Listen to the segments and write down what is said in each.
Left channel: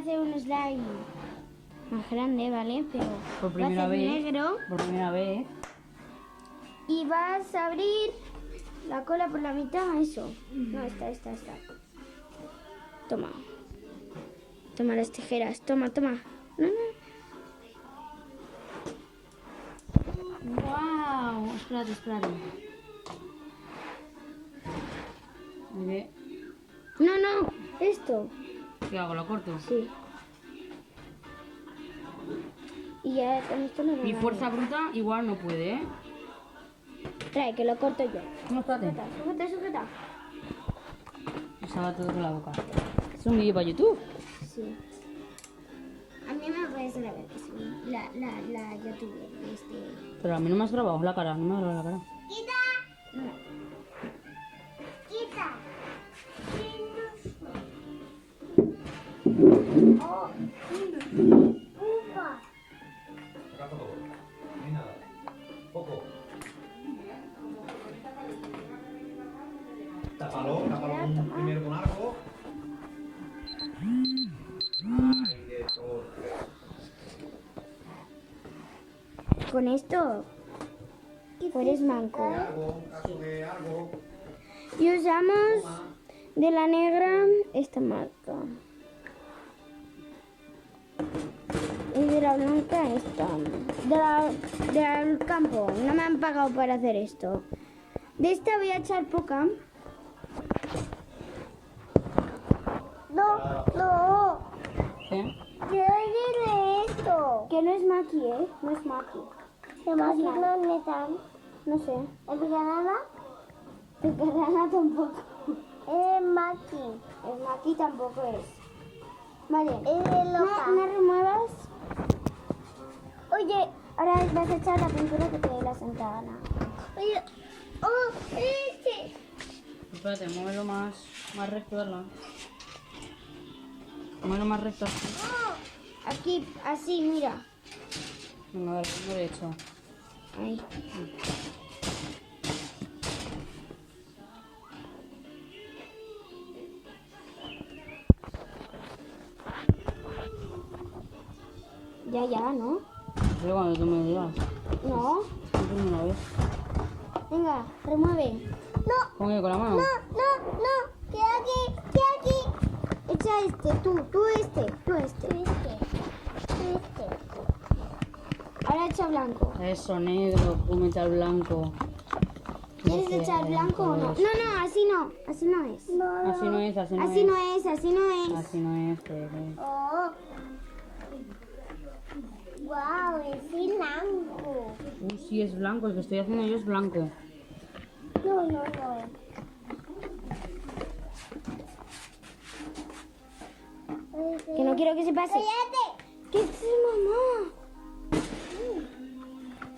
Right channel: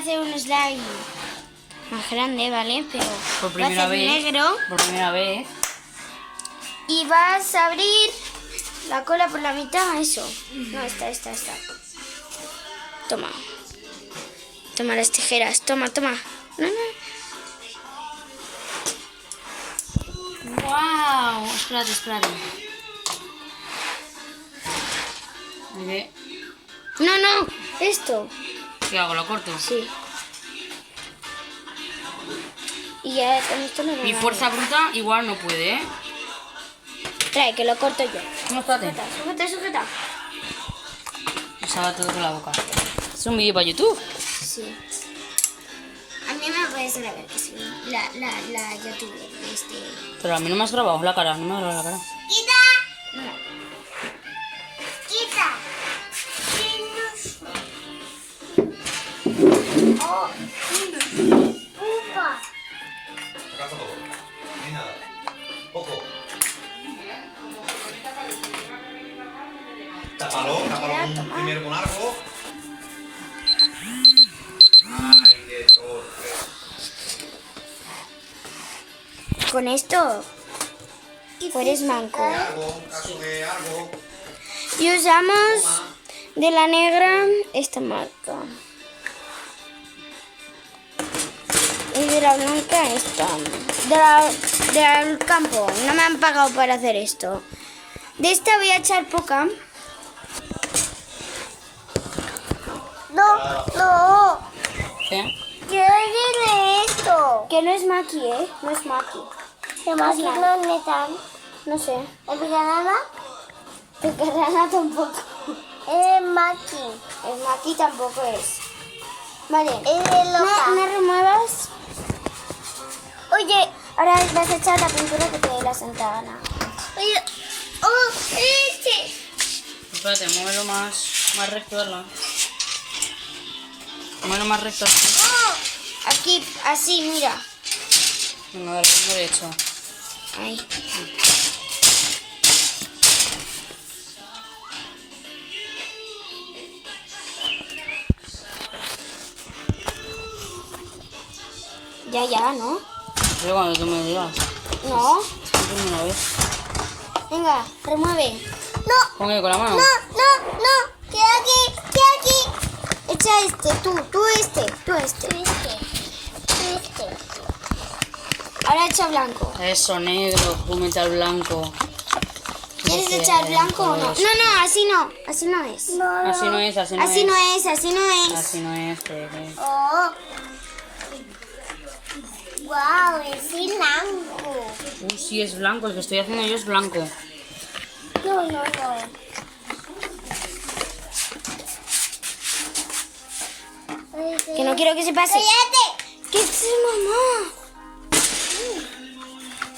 hacer un slime más grande, ¿vale? Pero Por va a primera ser vez. negro. Por primera vez. Y vas a abrir la cola por la mitad, eso. No, esta. Toma. Toma las tijeras, toma. No. ¡Wow! Espérate. ¿Qué? No, esto. ¿Qué hago? ¿Lo corto? Sí. Y ya con esto no lo Mi hago. fuerza bruta igual no puede, ¿eh? Trae, que lo corto yo. No, espérate. Sujeta. Usaba todo con la boca. ¿Es un vídeo para YouTube? Sí. A mí me parece la ver que sí. La YouTube. Pero a mí no me has grabado la cara, no me has grabado la cara. No. Caza todo. Ni nada. Poco. Tápalo primero con algo. Ay, qué torpe. Con esto. O eres manco. Algo, un caso de algo. Y usamos de la negra esta marca. Y de la blanca esta. Del campo. No me han pagado para hacer esto. De esta voy a echar poca. No. ¿Sí? Quiero decirle esto. Que no es maqui, ¿eh? No es maqui. ¿Qué más no es metal? No sé. ¿El picarana? Picarana tampoco. Es maqui. El maqui tampoco es. Vale. No remuevas. Oye, ahora vas a echar la pintura que te dé la santa gana. Oye, Espérate, muévelo más recto, ¿verdad? Muévelo más recto así. Aquí, así, mira. Venga, dale, derecho. Ahí. Ya, ¿no? Pero cuando tú me digas. No. Una vez. Venga, remueve. ¿Con qué? ¿Con la mano? No. Queda aquí. Echa este, tú este. Ahora echa blanco. Eso, negro, con metal blanco. ¿Quieres No sé, echar blanco o no? todos. No, así no es. Así no es, así no Así es. no es. Así no es, Oh. Wow, es blanco. Sí, es blanco, el que estoy haciendo yo es blanco. No. Que no quiero que se pase. ¡Cállate! ¿Qué es mamá?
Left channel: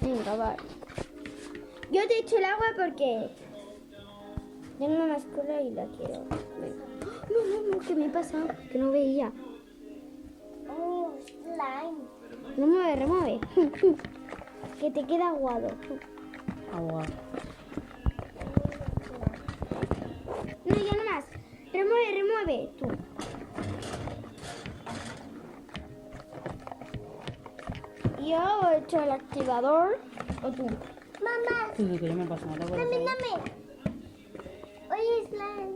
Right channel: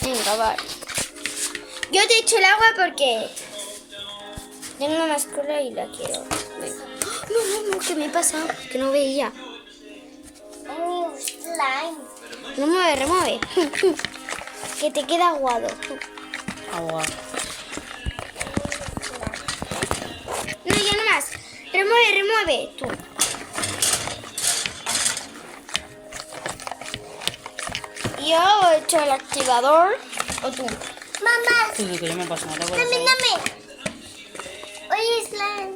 Venga, va. Yo te echo el agua porque tengo más cola y la quiero. Venga. No, ¿qué me pasa? Que no veía. Slime. No remueve. Que te queda aguado. Agua. No, ya no más. Remueve. Tú. Yo he hecho el activador. O tú. Mamá. Sí, que yo me paso, no te acuerdas. Dame. Oye, slime.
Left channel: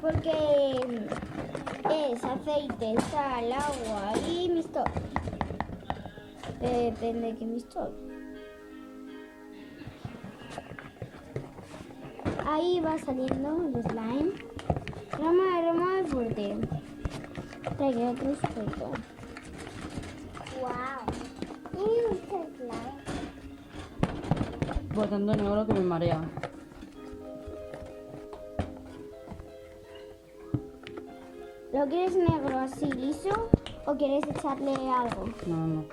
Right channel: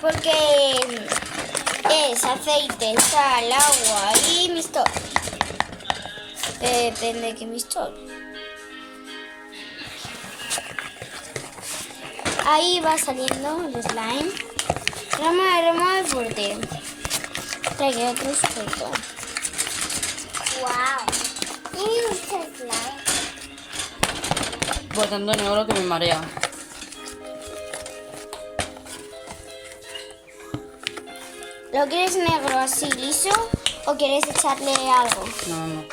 Porque es aceite, sal, agua y mistol. Depende de qué mistol. Ahí va saliendo el slime. Remueve fuerte. Trae otro suelto. Wow. ¿Y usted slime? Por tanto negro que me marea. ¿Lo quieres negro así liso o quieres echarle algo? No.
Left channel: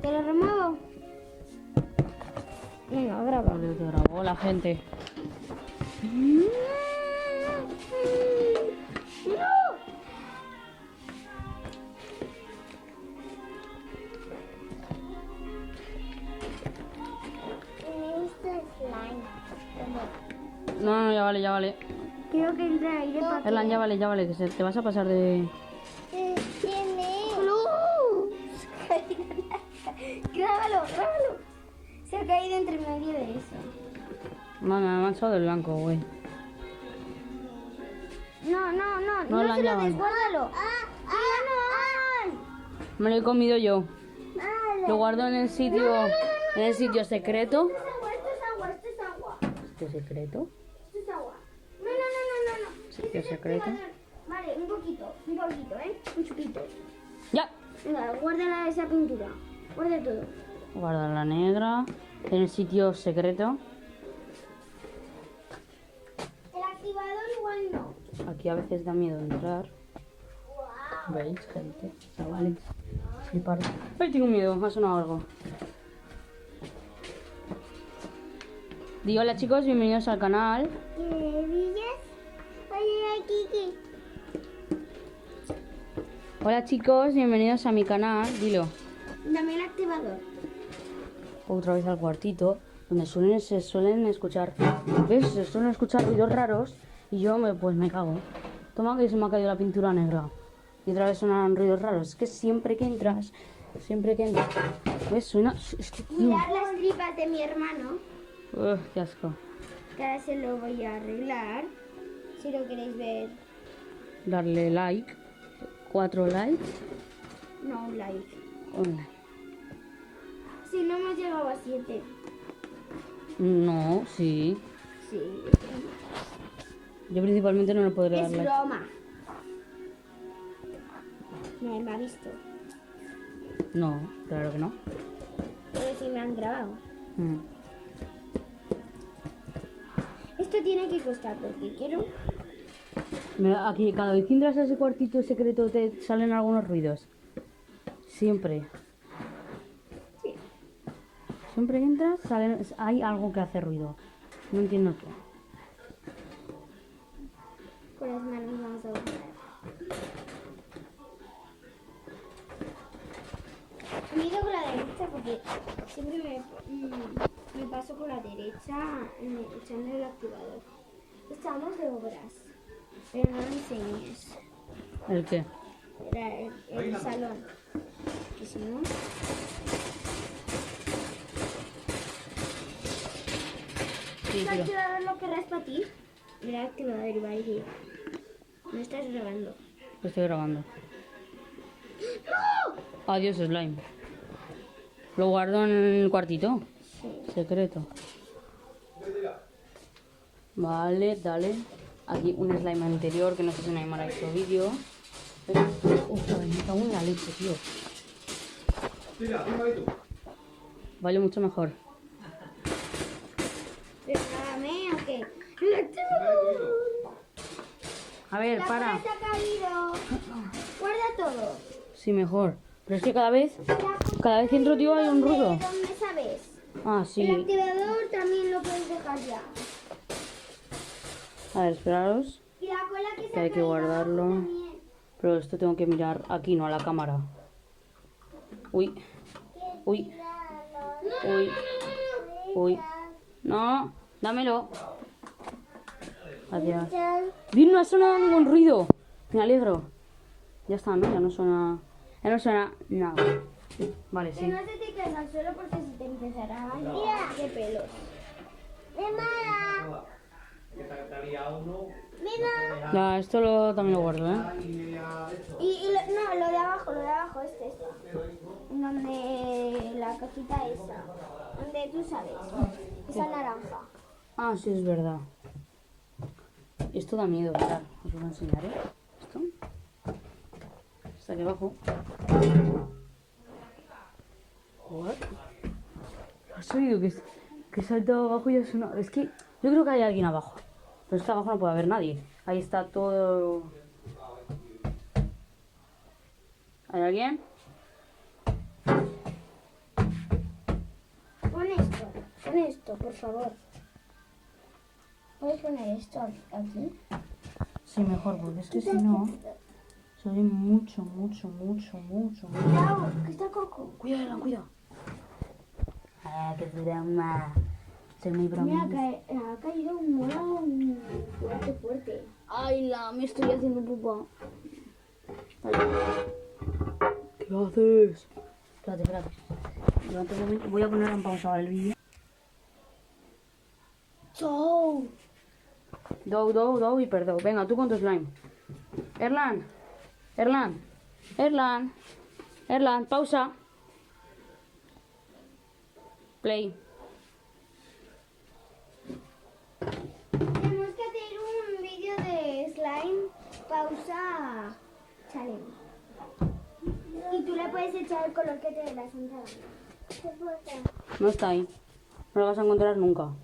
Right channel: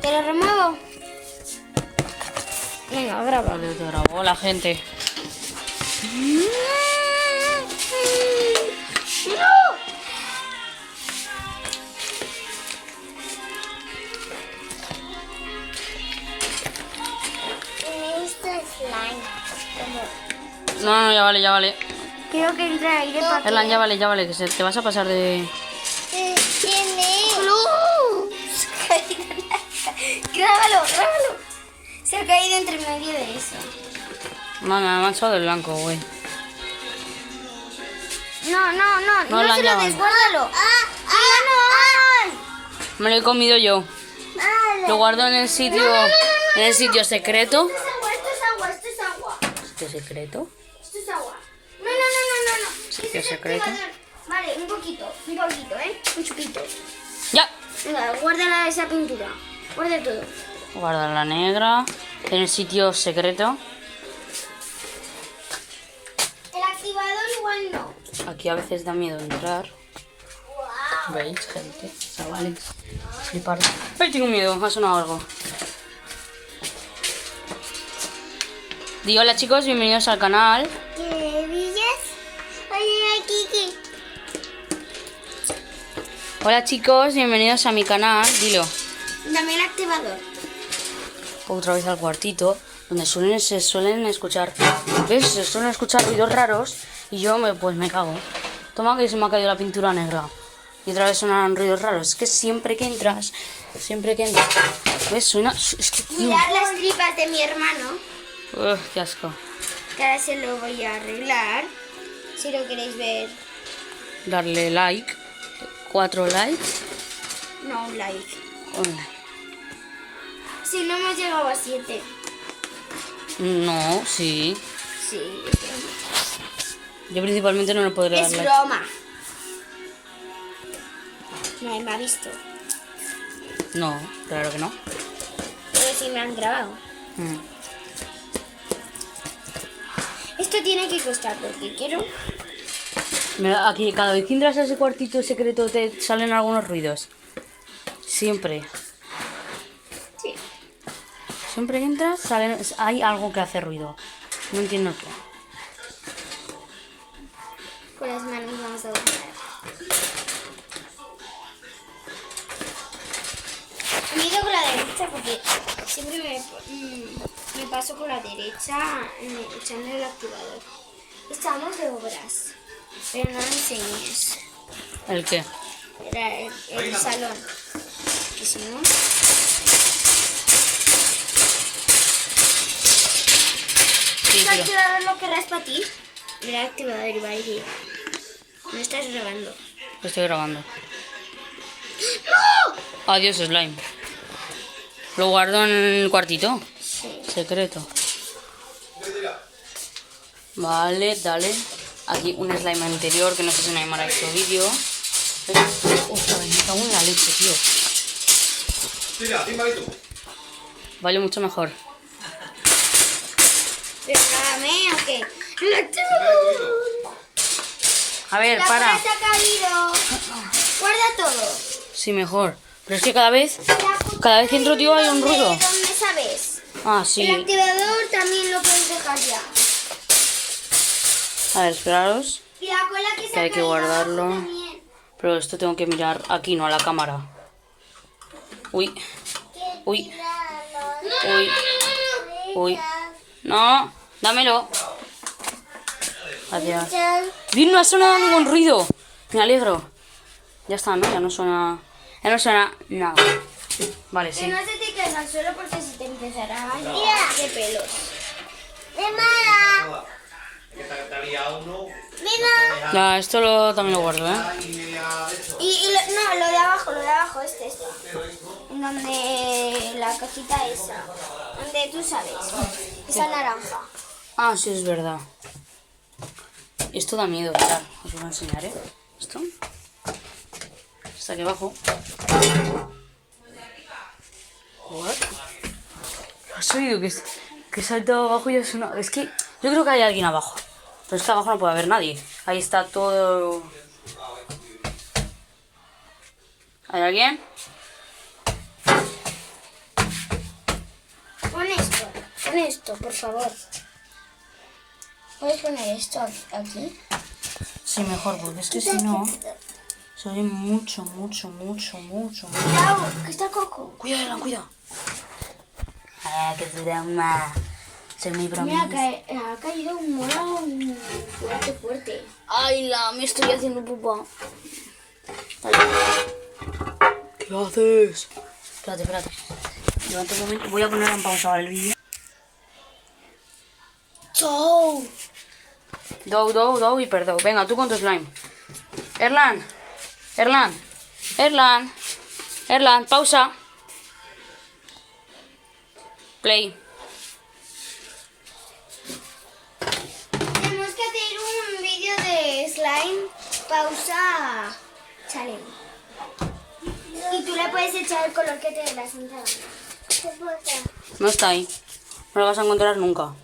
¿Te lo remuevo? Venga, graba. Vale, te grabó la gente. No, ya vale. Creo que entra aire para que... Erlan, ya vale, que te vas a pasar de... ¿Quién es? Grábalo. Se ha caído entre medio de eso. No, me ha manchado del blanco, güey. No No, se la lo llaman. des, guárdalo. ¡Ah! Me lo he comido yo. Vale. Lo guardo en el sitio... En el sitio secreto. Esto es agua. ¿Sitio secreto? Esto es agua. No. Sitio Este es el secreto. activador. Vale, un poquito, un chupito. ¡Ya! Venga, guárdala esa pintura. Guarda todo. Guarda la negra. En el sitio secreto. El activador igual no. Aquí a veces da miedo entrar. ¿Veis, gente? Chavales. Flipar. ¡Ay, tengo miedo! Me ha sonado algo. Digo, hola chicos, bienvenidos al canal. ¿Qué villas? Oye, Kiki. Hola chicos, bienvenidos a mi canal. Dilo. Dame el activador. Otra vez al cuartito, donde se suelen escuchar. ¿Ves? Se suelen escuchar ruidos raros. Y yo pues me cago. Toma que se me ha caído la pintura negra. Y otra vez sonan ruidos raros. Es que siempre que entras. ¿Ves? Suena. Es que. Mirad las tripas de mi hermano. Qué asco. Que ahora se lo voy a arreglar. Si lo queréis ver. Darle like. 4 likes. No, un like. Un like. Si no hemos llegado a 7. No, sí. Sí, Yo principalmente no le podré dar es like. broma. Nadie me ha visto. No, claro que no. Pero sí me han grabado. Mm. Esto tiene que costar porque quiero... Mira, aquí cada vez que entras a ese cuartito secreto te salen algunos ruidos. Siempre. Sí. Siempre que entras hay algo que hace ruido. No entiendo qué. Con las manos vamos a buscar. Me he ido con la derecha porque siempre me paso con la derecha echando el activador. Estamos de obras, pero no lo enseñes. ¿El qué? Era el salón. Y si no... Sí, ¿El pero... activador lo querrás para ti? El activador iba a decir. No estás grabando. Lo estoy grabando. Adiós, slime. Lo guardo en el cuartito. Sí. Secreto. Vale, dale. Aquí un slime anterior que no sé si me ha hecho vídeo. Ostras, me cago en la leche, tío. Tira, timbalito. Vale, mucho mejor. ¿Pero grabame o qué? ¡El activador! A ver, La para. cola se ha caído. Guarda todo. Sí, mejor. Pero es que cada vez que entro, tío, hay un ruido. ¿Dónde sabes? Ah, El sí. activador también lo puedes dejar ya. A ver, esperaros. Y la cola que se Que ha hay que caído guardarlo. abajo también. Pero esto tengo que mirar aquí, no a la cámara. Uy. Uy. Uy. Uy. No, dámelo. Gracias. Bien, no ha sonado ningún ruido. Me alegro. Ya está, ¿no? Ya no suena nada. Vale, Que sí. no se te caiga al suelo porque se te empezará a llenar de pelos. ¡De mala! Que te había uno. ¡Mira! Ya, también lo guardo, ¿eh? Y media de esto. No, lo de abajo, este. En donde la cajita esa. Donde tú sabes. Esa naranja. Ah, sí, es verdad. Esto da miedo, mirad. Os lo voy a enseñar, ¿eh? Esto. Está aquí abajo. What? ¿Has oído que he saltado abajo y ha sonado? Es que yo creo que hay alguien abajo. Pero es que abajo no puede haber nadie. Ahí está todo... ¿Hay alguien? Pon esto, por favor. ¿Puedes poner esto aquí? Sí, mejor, porque es que si no... Se oye mucho. Cuidado, que está Coco. Cuidado, cuidado. Ah, qué drama. muy bravo. Mira, ha caído un mono fuerte, fuerte. Ay, me estoy haciendo pupa. ¿Qué haces? Espérate. Levanta un momento. Voy a poner en pausa ahora el vídeo. ¡Chau! Dou y perdón. Venga, tú con tu slime. Erlan, pausa. Play. Tenemos que hacer un vídeo de slime pausa challenge. Y tú le puedes echar el color que te dé la santa gana. No está ahí. No lo vas a encontrar nunca.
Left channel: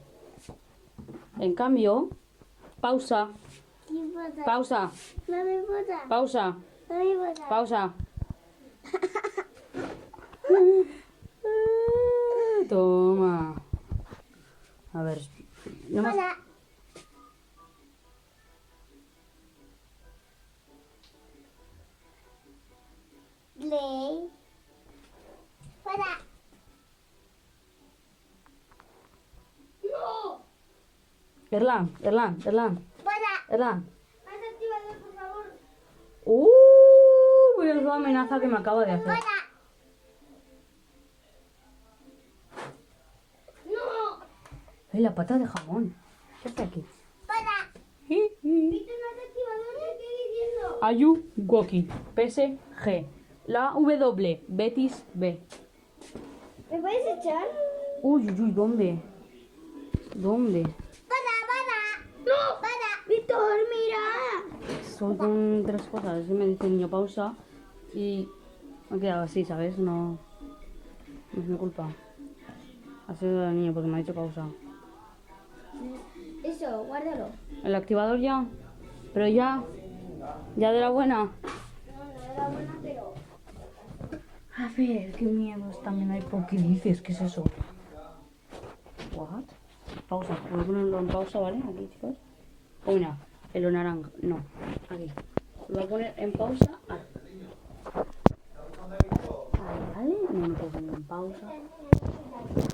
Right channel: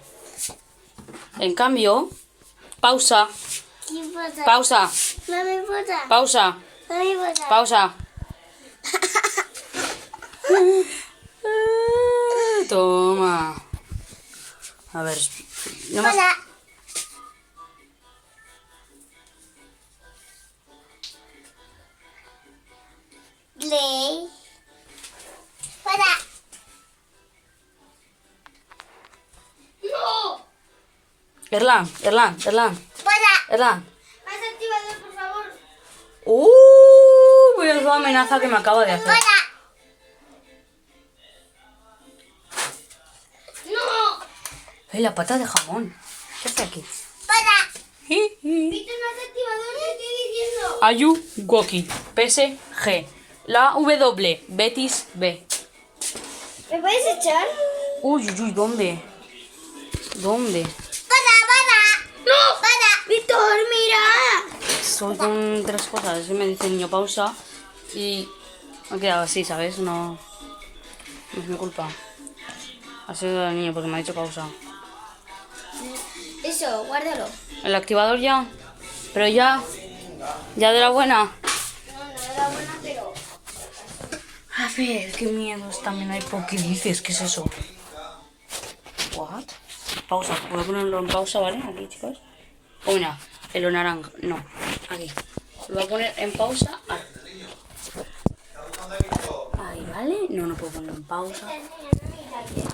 En cambio, pausa. Pausa. No me importa. Pausa. No me importa. Pausa. Toma. A ver. No más. Hola. Play. Hola. No. Erlan. Hola. Erlan. Más activador, por favor. Voy a hacer la amenaza que me acaba de hacer. Hola. No. ¡Ay, la pata de jamón! ¿Qué hace aquí? Hola. ¿Viste más activador? ¿Qué estoy diciendo? Ayu Goki. PSG. La W. Betis B. ¿Me puedes echar? Uy, ¿dónde? ¿Dónde? ¡No! ¡Víctor, mira! Soy con tres cosas. Me dice niño pausa y me he quedado así, ¿sabes? No es mi culpa. Ha sido el niño porque me ha dicho pausa. Eso, guárdalo. ¿El activador ya? Pero ya. ¿Ya de la buena? No era buena, pero... A ver, qué miedos también hay. ¿Por qué dices? ¿Qué es eso? ¿What? Pausa. Voy a ponerlo en pausa, ¿vale? Aquí, chicos. Oh, mira, en lo naranja. No, aquí. Lo voy a poner en pausa. Ahí, ¿vale? No puedo ponerlo en pausa. Ay, Dios.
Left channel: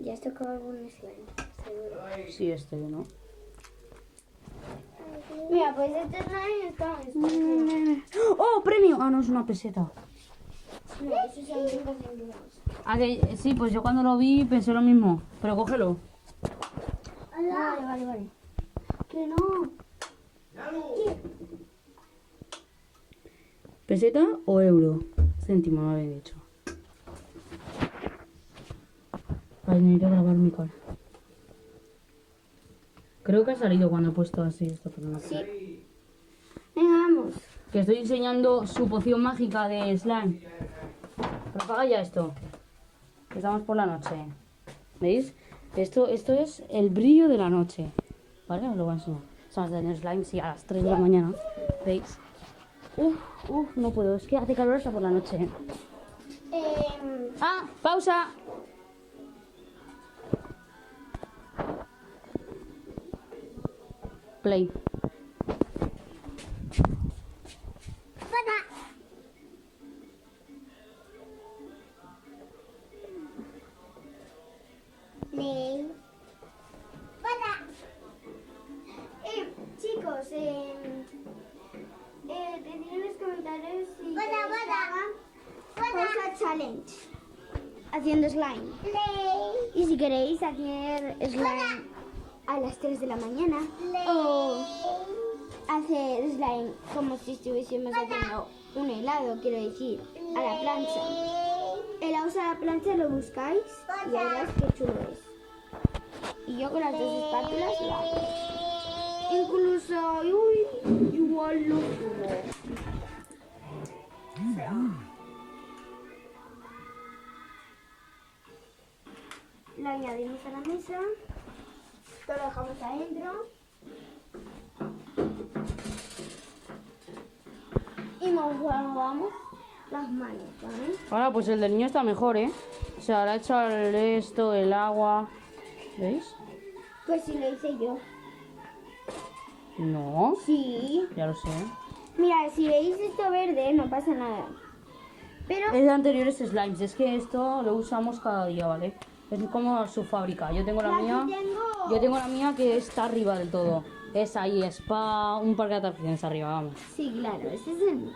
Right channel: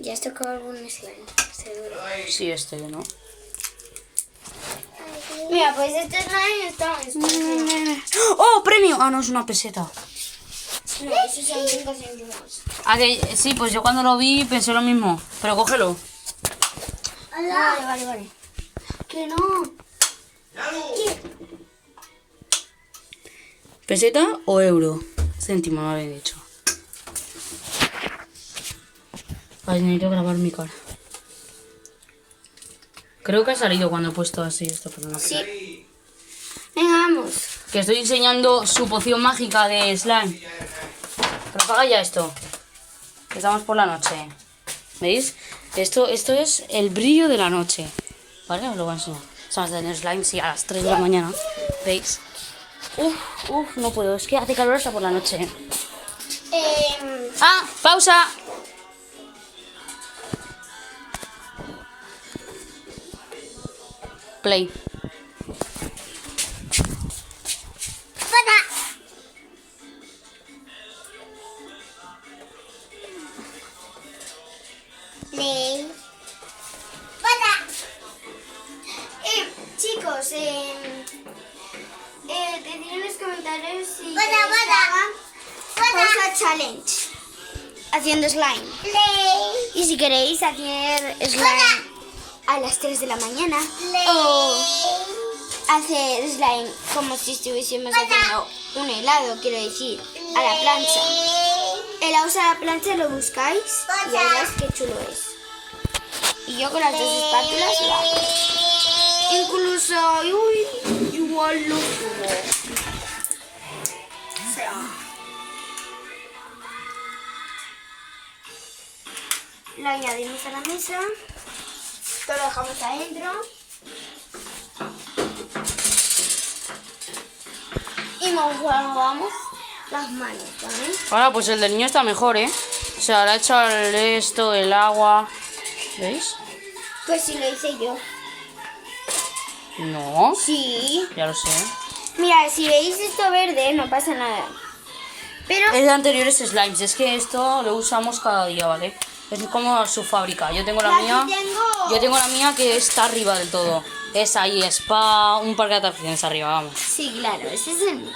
Ya has tocado algún slime, seguro. Sí, este, ¿no? Mira, pues este slime está en ¡Oh, premio! Ah, no, es una peseta. No, esos son 5 céntimos. Ah, que sí, pues yo cuando lo vi pensé lo mismo. Pero cógelo. Vale. Que no. ¿Peseta o euro? Céntimo, me habéis dicho. Ay, necesito grabar mi cara. Creo que ha salido cuando he puesto así esto, pero no. Sí. Venga, vamos. Que estoy enseñando su poción mágica de slime. Pero apaga ya esto. Que estamos por la noche. ¿Veis? Esto es el brillo de la noche. ¿Vale? Os lo voy a enseñar. Estamos haciendo slime, sí, a las 3 de la mañana. ¿Veis? No puedo. Es que hace calor hasta por la noche. ¡Ah! ¡Pausa! Play. Play. Chicos, decid en los comentarios si pausa challenge haciendo slime. Y si queréis hacer slime a las 3 de la mañana o hacer slime como si estuviésemos haciendo un helado, quiero decir, a la plancha. Helados a la plancha lo buscáis y ya veréis qué chulo es. Y yo con las dos espátulas lo hago. Incluso, igual lo subo. Lo añadimos a la mesa. Esto lo dejamos adentro. Y nos lavamos las manos, ¿vale? Ahora, pues el del niño está mejor, ¿eh? O sea, le ha echado el agua. ¿Veis? Pues sí, lo hice yo. No, Sí. ya lo sé. Mira, si veis esto verde, no pasa nada. Pero Es de anteriores slimes, es que esto lo usamos cada día, ¿vale? Es como su fábrica. Yo tengo la aquí mía. tengo... Yo tengo la mía que está arriba del todo. Es ahí, spa, un parque de atracciones arriba, vamos. Sí, claro, ese es el mío.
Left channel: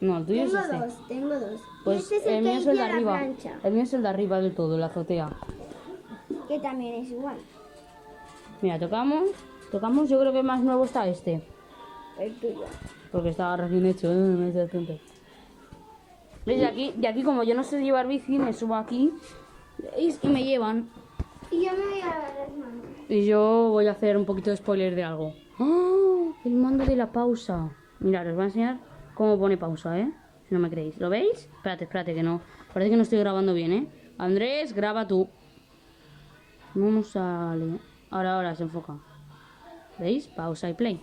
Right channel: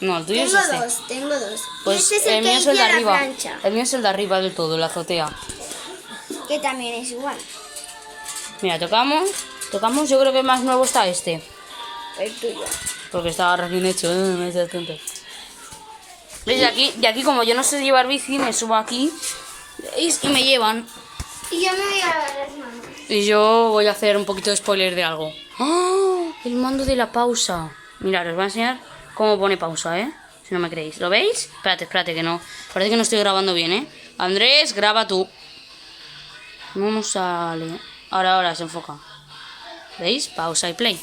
No, el tuyo Tengo es este. dos, tengo dos. Pues y este es el que mío es el hice de a la arriba. plancha, El mío es el de arriba del todo, la azotea. que también es igual. Mira, tocamos, yo creo que más nuevo está este. El tuyo. Porque estaba recién hecho, no seas tonto. ¿Ves? Y aquí como yo no sé llevar bici, me subo aquí ¿veis? Y me llevan. Y yo me voy a lavar las manos. Y yo voy a hacer un poquito de spoiler de algo. ¡Ah! El mando de la pausa. Mirad, os voy a enseñar cómo pone pausa, ¿eh? Si no me creéis. ¿Lo veis? Espérate, que no. Parece que no estoy grabando bien, ¿eh? Andrés, graba tú. No sale. Ahora se enfoca. ¿Veis? Pausa y play.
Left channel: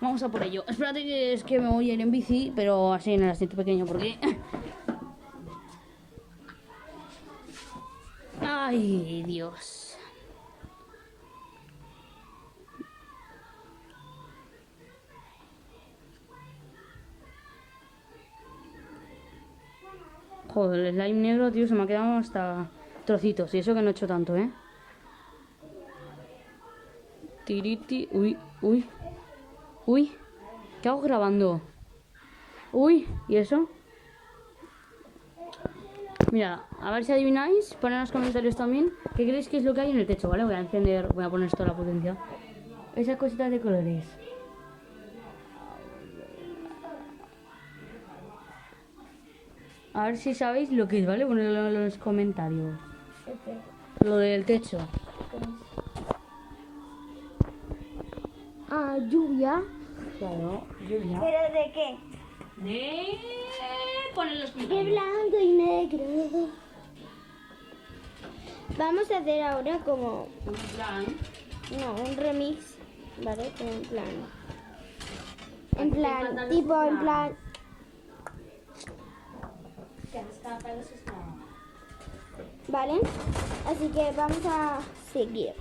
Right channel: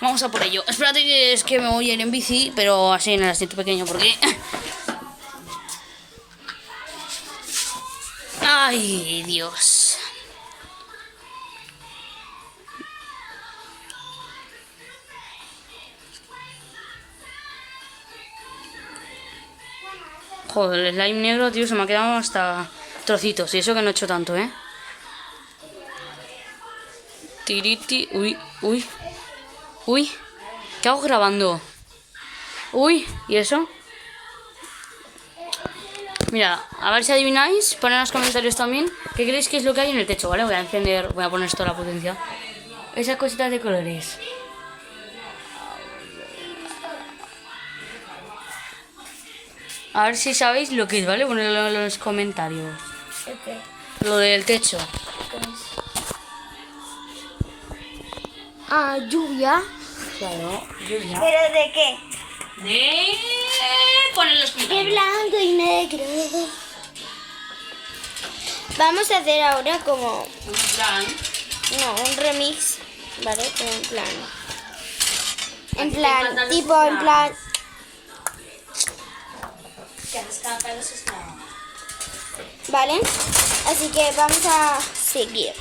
Vamos a por ello. Espérate que es que me voy a ir en bici, pero así en el asiento pequeño, porque... ¡Ay, Dios! Joder, el slime negro, tío, se me ha quedado hasta trocitos. Y eso que no he hecho tanto, ¿eh? Tiriti... Uy. ¿Qué hago grabando? Uy, ¿y eso? Mira, a ver si adivináis. Poned en los comentarios también. ¿Qué creéis que es lo que hay en el techo, vale? Voy a encender, voy a poner esto a la potencia. Esas cositas de colores. A ver si sabéis lo que es, ¿vale? Ponedlo en los comentarios. Okay. Lo del techo. Ah, lluvia. Claro, lluvia. ¿Pero de qué? Poner los De comentarios. blanco y negro. Vamos a hacer ahora como... En plan. No, un remix, ¿vale? Como en plan... En Aquí te plan, encantan los tipo en plan... ¿Vale? Así que vamos a seguir.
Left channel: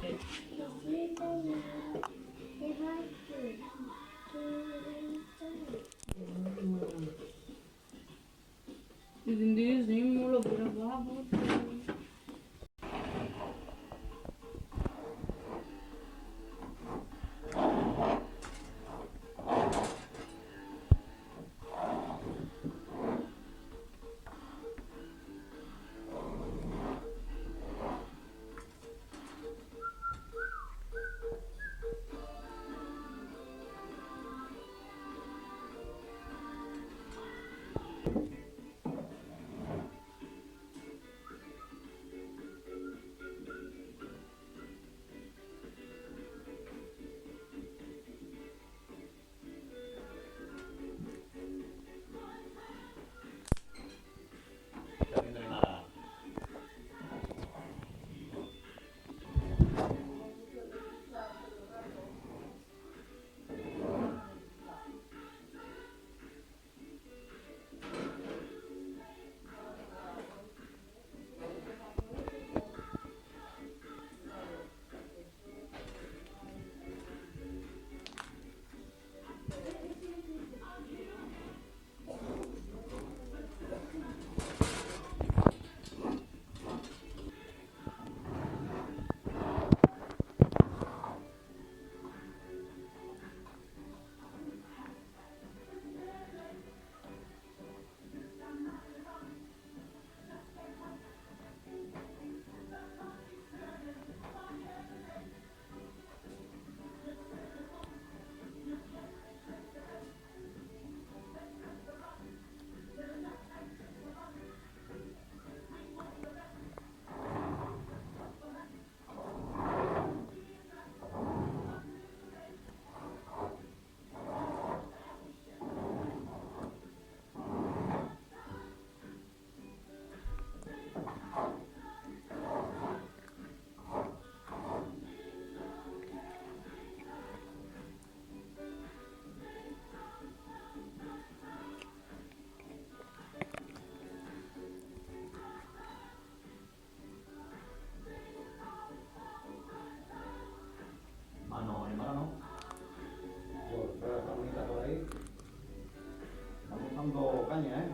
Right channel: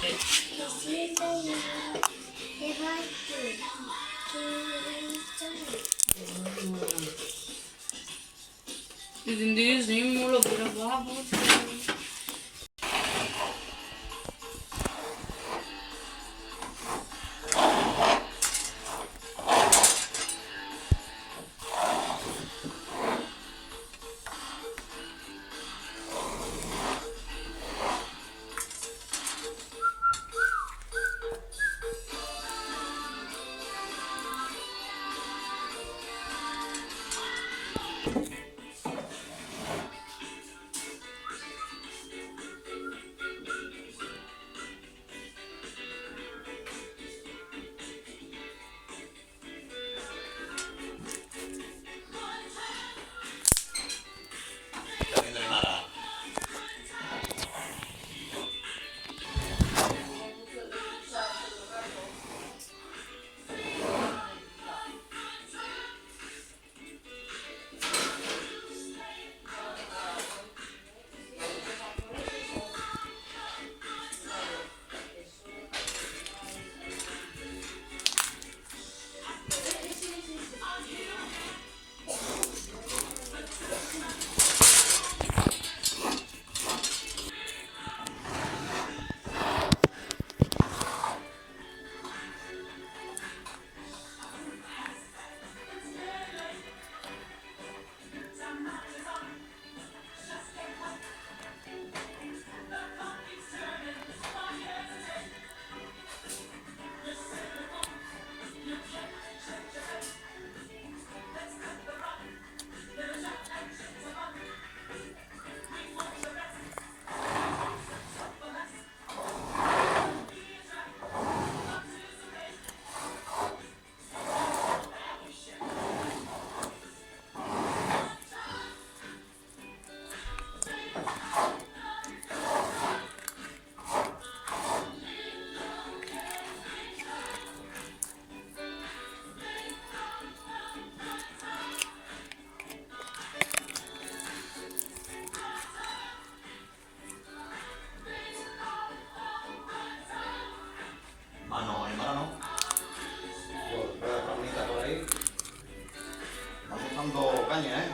caña, ¿eh?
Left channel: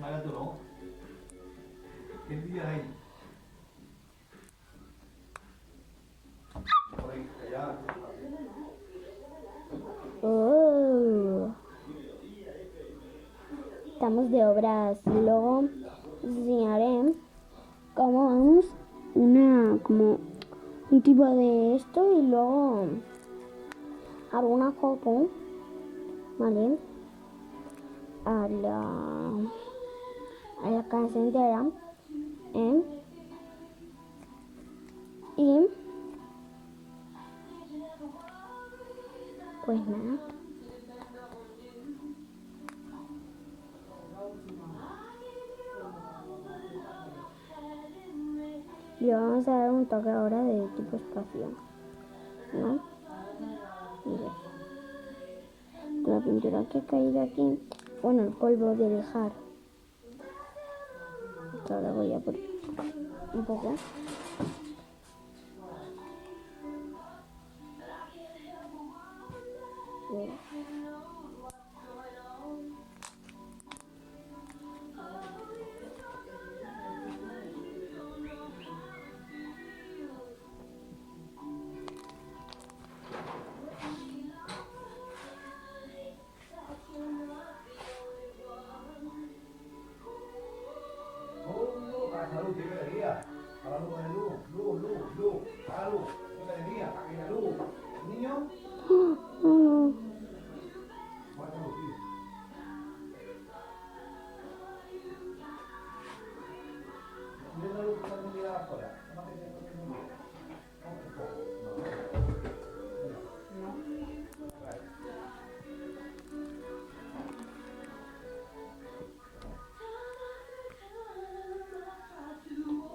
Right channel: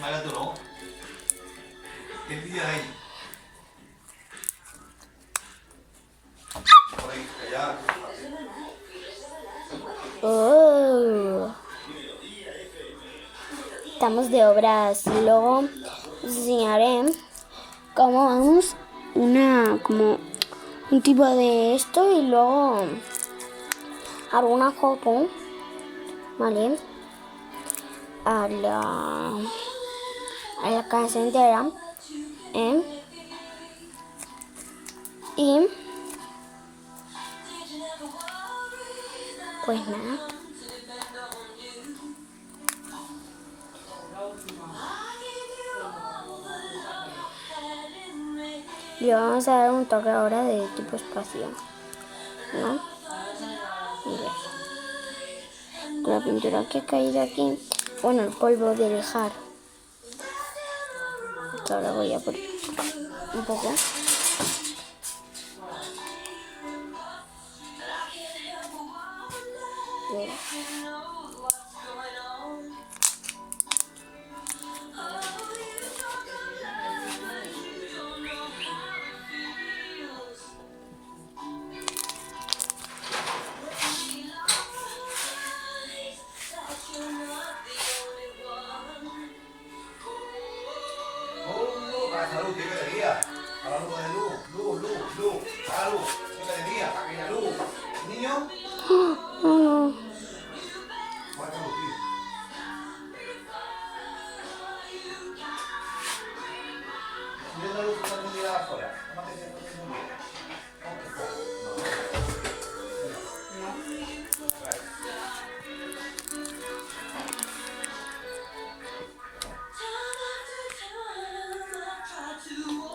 Vale, tú no. ¿Qué día hay? Por ahí, allá. Oh. Estamos de obras. Luego os enseñaré cómo vamos como un tipo de esto y luego alguna foto, ¿vale? A la casa entera, ¿eh? Y pues nada. Y vamos a dar un toque ahora de tipo espacio, ¿no? Mira. Con la pintura que ha caído aquí, bueno, el polvo de lijar. Que ahora voy a poner un poco. Mira. Para salud, ¿qué te diría? Hablando de luz. Para luz, ¿qué te diría? Para que haya luz. ¿Niño? Para salud, tío. Viendo la luz que está encendida afuera. Tómate que está encendida.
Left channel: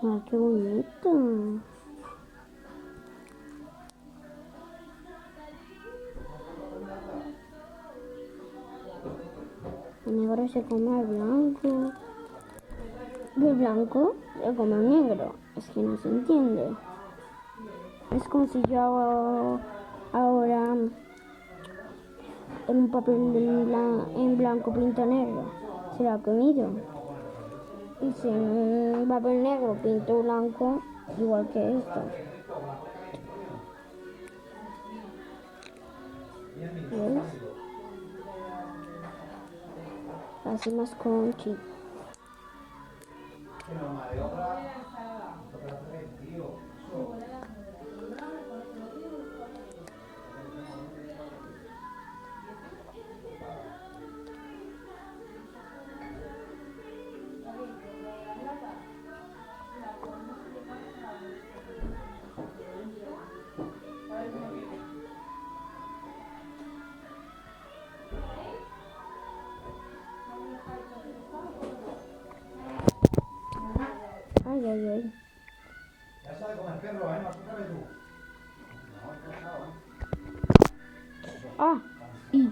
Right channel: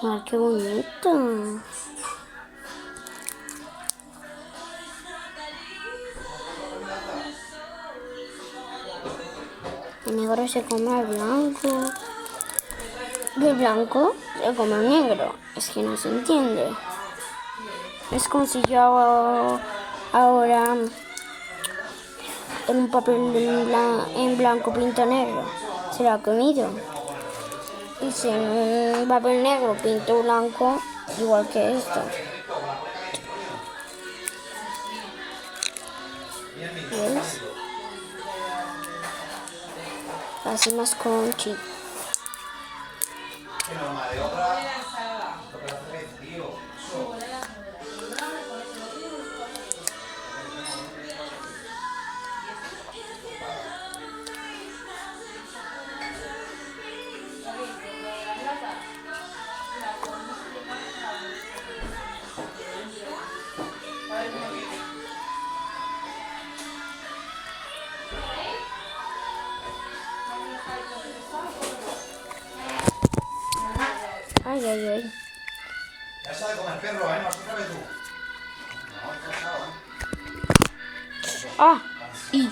¡Ay, qué bonito! El negro se come al blanco. Y el blanco se come al negro. Es que no se entiende. Es como si yo hago ahora en un papel en blanco pinto negro. Se lo ha comido. Y si en un papel negro pinto blanco, igual que esto. ¿Ves? Así más crunchy. Que norma de obra. Lo que hace es, tío. Ay, ay, ay. Ya sabe comer perro, ¿eh? No se sabe tú. No, no sabe. Ah, y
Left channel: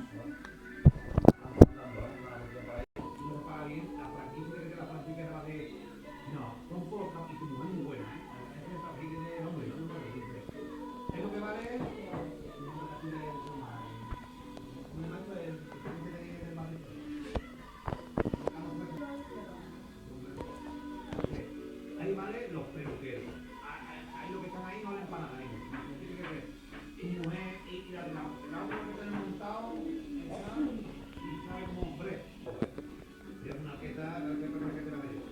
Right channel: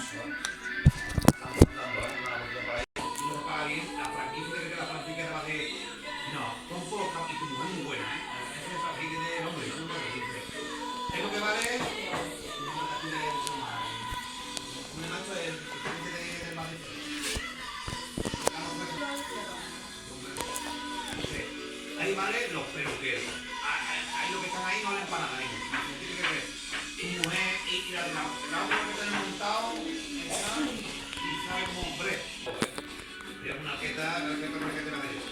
Ahí vale los peluqueros. Ahí lo que están ahí no valen para nada. Tiene que ver tu mujer y la otra que tenemos montado y sabe como hombre. Mira una arqueta de medio.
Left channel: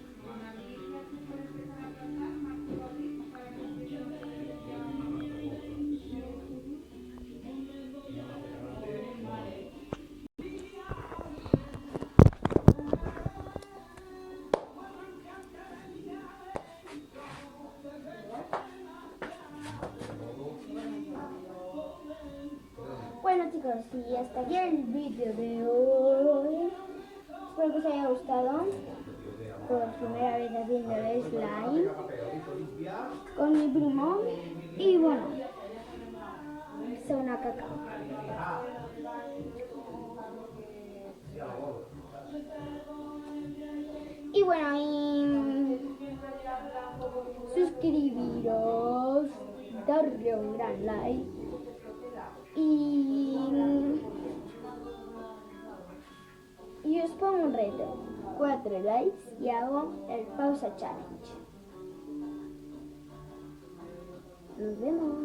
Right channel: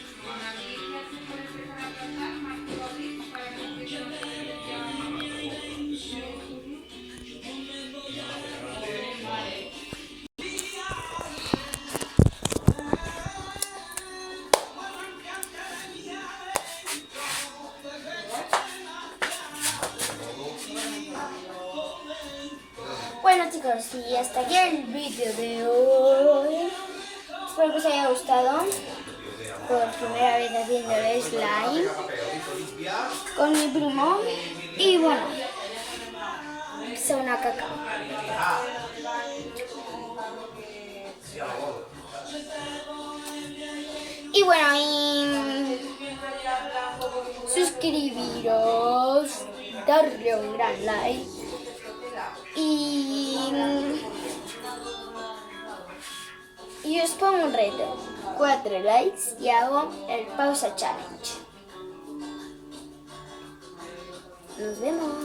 bueno, chicos, y hasta aquí el vídeo de hoy. Espero que os haya gustado. Por primera vez haciendo el slime con mi primo. Y bueno, es una caca. Y bueno, y suscribiros, darle un gran like y Y os pongo un reto. 4 likes y hago el pausa challenge. Nos vemos.